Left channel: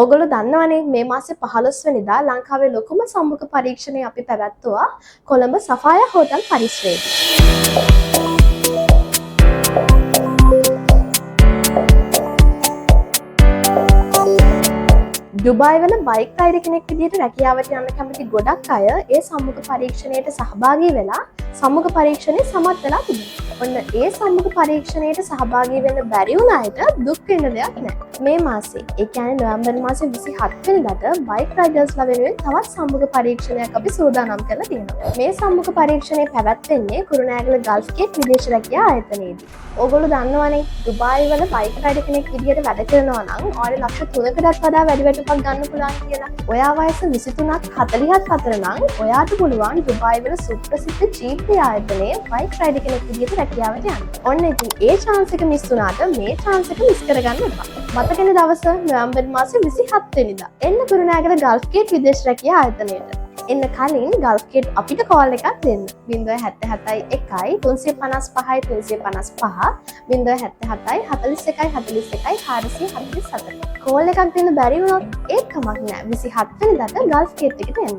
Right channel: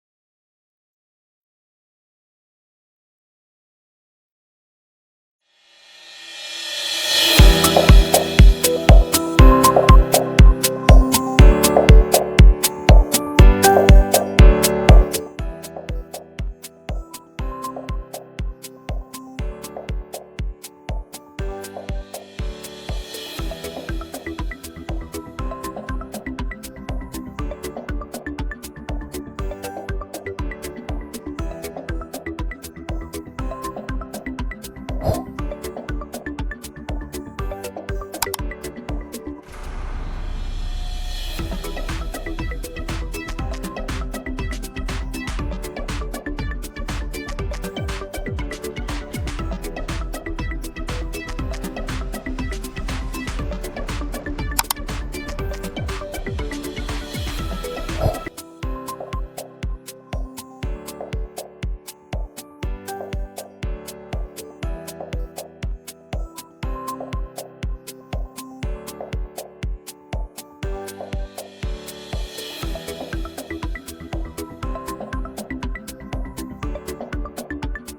ඕගොල්ලෝ දන්නවනේ මේ මාසේ 15 වෙනිදා ලංකාවේ ලොකුම සම්මුඛ පරීක්ෂණය අපි පැවැත්තුවා කොළඹ සෆායා හෝටල් පරිසරයේ. දුබායි වල බයික් රයිඩර් කෙනෙක් විදිහට රැකියාවට යන්න කැමති ගොඩක් අය ඒ සම්මුඛ පරීක්ෂණයට සහභාගී වෙලා සම්මුඛ පරීක්ෂණය සමත් වෙලා තිබුණා. ඔන්න ඒ සම්මුඛ පරීක්ෂණයට සහභාගී වෙන්න බැරි වුණ අයට දුක් වෙන්න දෙයක් නැහැ. මේ මාසේ, ඒ කියන්නේ නොවැම්බර් මාසේ 27 වෙනිදාට බයික් රයිඩර්ස්ලා වෙනුවෙන් තවත් සම්මුඛ පරීක්ෂණයක් අපි සූදානම් කරලා තියෙනවා. මේ සම්මුඛ පරීක්ෂණය පැවැත්වෙන්නේ කුරුණෑගල ගල්ෆ් ගේට් විදේශ රැකියා ආයතනයේදී. ඕගොල්ලෝ දන්නවනේ දුබායි වල බයික් රයිඩර් කෙනෙක් විදිහට වැඩ කරනවා නම් ඔයාලට ලක්ෂ 3කටත් වඩා වැඩි වැටුපක් ගන්න පුළුවන් කියලා. ඔයා වයස 23ක් 40ක් අතර නම් ඔයාට පුළුවන් දුබායි වල සුප්‍රසිද්ධ ජීපී ආයතනයේ බයික් රයිඩර් කෙනෙක් විදිහට රැකියාවට යන්න. ඔන්න ඉතින් ඒ chance එක මිස් වුණාට මේ chance එක මිස් කරගන්න එපා. මතකනේ දවස නොවැම්බර් මාසේ 27 වෙනිදා. එන්න කුරුණෑගල ගල්ෆ් ගේට් විදේශ රැකියා ආයතනයට. එන්න කලින් ගල්ෆ් ගේට් අපිට කෝල් එකක් දෙන්න. 077 1 355 355 077 41 41 447. කෝල් එකක් දෙන්න බැරි වුණොත් ඒත් කමක් නෑ. 27 වෙනිදාට ගල්ෆ් ගේට් එකට එන්න.